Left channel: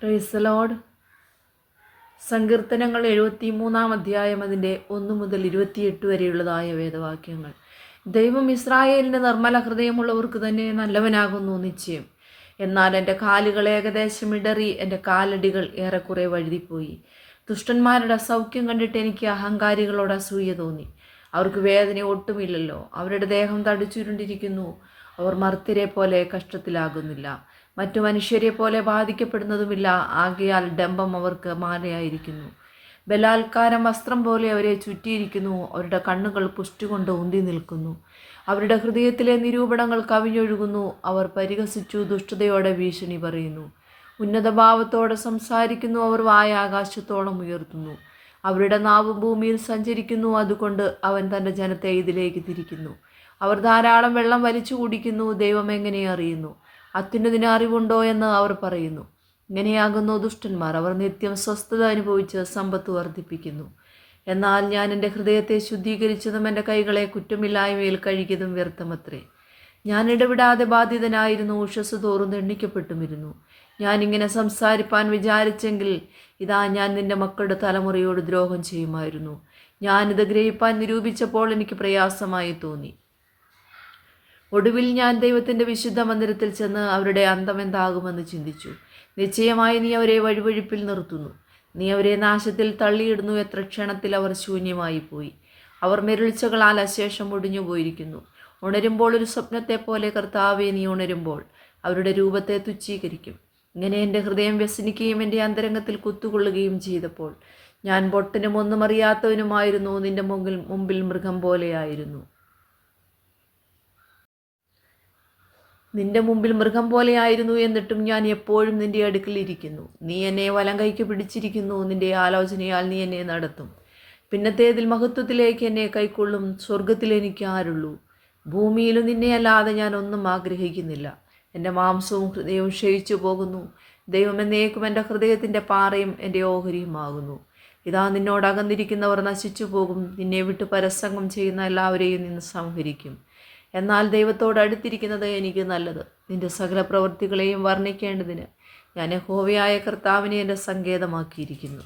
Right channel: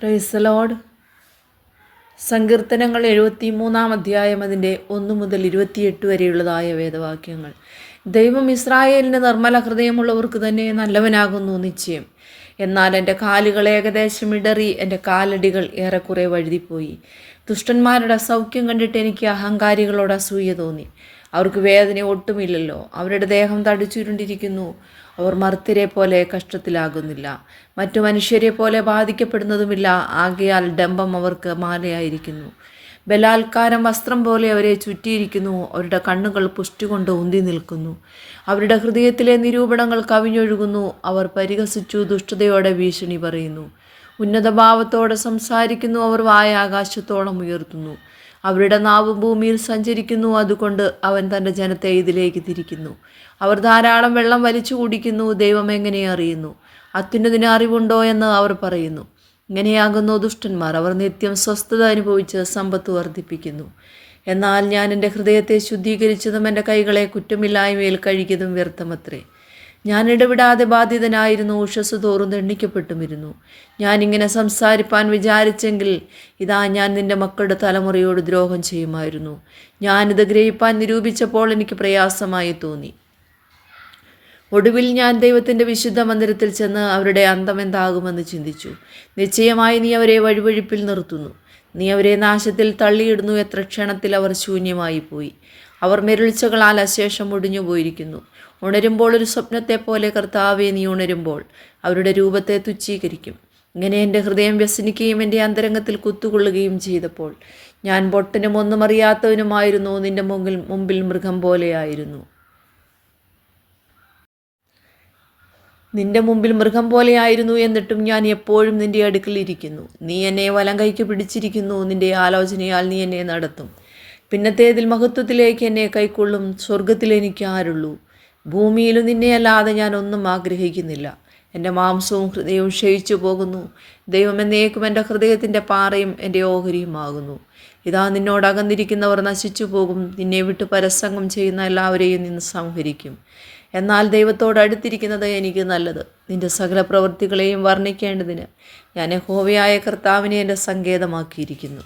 Praise the Lord. സങ്കീർത്തനങ്ങൾ 73 അധ്യായം അതിൻ്റെ 1 മുതൽ 28 വരെയുള്ളതായ വേദവാക്യങ്ങൾ. ദൈവം ഇസ്രായേലിന് നിർമ്മല ഹൃദയമുള്ളവർക്ക് തന്നെ നല്ലവനാകുന്നു നിശ്ചയം. എന്നാൽ എൻ്റെ കാലുകൾ ഏകദേശം ഇടറി, എൻ്റെ കാലടികൾ ഏറെക്കുറെ വഴുതിപ്പോയി. ദുഷ്ടന്മാരുടെ സൗഖ്യം കണ്ടിട്ട് എനിക്ക് അഹങ്കാരികളോട് അസൂയ തോന്നി. അവർക്ക് വേദന ഒട്ടുമില്ലല്ലോ. അവരുടെ ദേഹം തടിച്ചുരുണ്ടിരിക്കുന്നു. അവർ മർത്യരെ പോലെ കഷ്ടത്തിലാകുന്നില്ല, മറ്റു മനുഷ്യരെ പോലെ ബാധിക്കപ്പെടുന്നതുമില്ല. ആകയാൽ ഡംഭം അവർക്ക് മാലയായിരിക്കുന്നു. ബലാത്കാരം വസ്ത്രം പോലെ അവരെ ചുറ്റിയിരിക്കുന്നു. അവരുടെ കണ്ണുകൾ പുഷ്ടി കൊണ്ട് ഉന്തി നിൽക്കുന്നു. അവരുടെ ഹൃദയത്തിലെ നിരൂപണങ്ങൾ കവിഞ്ഞൊഴുകുന്നു. അവർ പരിഹസിച്ചു ദുഷ്ടതയോടെ ഭീഷണി പറയുന്നു. ഉന്നതഭാവത്തോടെ സംസാരിക്കുന്നു. അവർ വായ ആകാശത്തോളം ഉയർത്തുന്നു. അവരുടെ നാവ് ഭൂമിയിൽ സഞ്ചരിക്കുന്നു. അതുകൊണ്ട് അവൻ തൻ്റെ ജനത്തെ ഇതിലേക്ക് തിരിക്കുന്നു. അവർ ധാരാളം വെള്ളം വലിച്ചു കുടിക്കുന്നു. ദൈവം എങ്ങനെ അറിയുന്നു? അത്യുന്നതിന് അറിവുണ്ടോ എന്ന് അവർ പറയുന്നു. ഇങ്ങനെയാകുന്നു ദുഷ്ടന്മാർ. അവർ നിത്യം സ്വസ്ഥത അനുഭവിച്ച് സമ്പത്ത് വർദ്ധിപ്പിക്കുന്നു. എന്നാൽ ഞാൻ എൻ്റെ ഹൃദയത്തെ ശുദ്ധീകരിച്ചതും എൻ്റെ കൈകളെ കുറ്റമില്ലായ്മയിൽ കഴുകിയതും വ്യർത്ഥമത്രേ. ഞാൻ ഇടവിടാതെ ബാധിതനായിരുന്നു, ഉഷസ് തോറും ദണ്ഡിക്കപ്പെട്ടുമിരുന്നു. ഞാനിങ്ങനെ സംസാരിപ്പാൻ വിചാരിച്ചെങ്കിൽ ഇതാ ഞാൻ നിൻ്റെ മക്കളുടെ തലമുറയോട് ദ്രോഹം ചെയ്യുമായിരുന്നു. ഞാനിത് ഗ്രഹിപ്പാൻ നിരൂപിച്ചപ്പോൾ എനിക്ക് പ്രയാസമായി തോന്നി. ഒടുവിൽ ഞാൻ ദൈവത്തിൻ്റെ വിശുദ്ധ മന്ദിരത്തിൽ ചെന്ന് അവരുടെ അന്തം എന്താകുമെന്ന് ചിന്തിച്ചു. നിശ്ചയമായി നീ അവരെ വഴിവഴിപ്പിൽ നിർത്തുന്നു. നീ അവരെ നാശത്തിൽ തള്ളിയിടുന്നു. എത്ര ക്ഷണത്തിൽ അവർ ശൂന്യമായി പോയി. അവർ മെരുൾച്ചകളാൽ അശേഷം ഒടിഞ്ഞു പോയിരിക്കുന്നു. ഉണരുമ്പോൾ ഒരു സ്വപ്നത്തെപ്പോലെ കർത്താവെ നീ ഉണരുമ്പോൾ അവരുടെ രൂപത്തെ തുച്ഛീകരിക്കും. ഇങ്ങനെ എൻ്റെ ഹൃദയം വ്യസനിക്കുകയും എൻ്റെ അന്തരംഗത്തിൽ കുത്തുകൊള്ളുകയും ചെയ്തപ്പോൾ ഞാൻ പൊട്ടനും ഒന്നും അറിയാത്തവനുമായിരുന്നു. നിൻ്റെ മുമ്പിൽ മൃഗം പോലെയായിരുന്നു. നിന്റെ മുമ്പിൽ മൃഗം പോലെയായിരുന്നു. എന്നിട്ടും ഞാൻ എപ്പോഴും നിന്റെ അടുക്കലിരിക്കുന്നു. നീ എന്നെ വലം കൈക്ക് പിടിച്ചിരിക്കുന്നു. നിന്റെ ആലോചനയാൽ നീ എന്നെ നടത്തും. പിന്നത്തേതിൽ മഹത്വത്തിലേക്ക് എന്നെ കൈക്കൊള്ളും. സ്വർഗത്തിൽ എനിക്ക് ആരുള്ളൂ? ഭൂമിയിലും നിന്നെയല്ലാതെ ഞാൻ ഒന്നും ആഗ്രഹിക്കുന്നില്ല. എൻ്റെ മാംസവും ഹൃദയവും ക്ഷയിച്ചു പോകുന്നു. ദൈവം എന്നേക്കും എൻ്റെ ഹൃദയത്തിൻ്റെ പാറയും എൻ്റെ ഓഹരിയുമാകുന്നു. ഇതാ നിന്നോട് അകന്നിരിക്കുന്നവർ നശിച്ചു പോകും. നിന്നെ വിട്ട് പരസംഗം ചെയ്യുന്ന എല്ലാവരെയും നിന്ന് സംഹരിക്കും. എന്നാൽ ദൈവത്തോട് അടുത്തിരിക്കുന്നത് എനിക്ക് നല്ലത്. നിൻ്റെ സകല പ്രവൃത്തികളെയും വർണ്ണിക്കേണ്ടതിന് ഞാൻ യഹോവയായ കർത്താവിനെ എൻ്റെ സങ്കേതമാക്കിയിരിക്കുന്നു.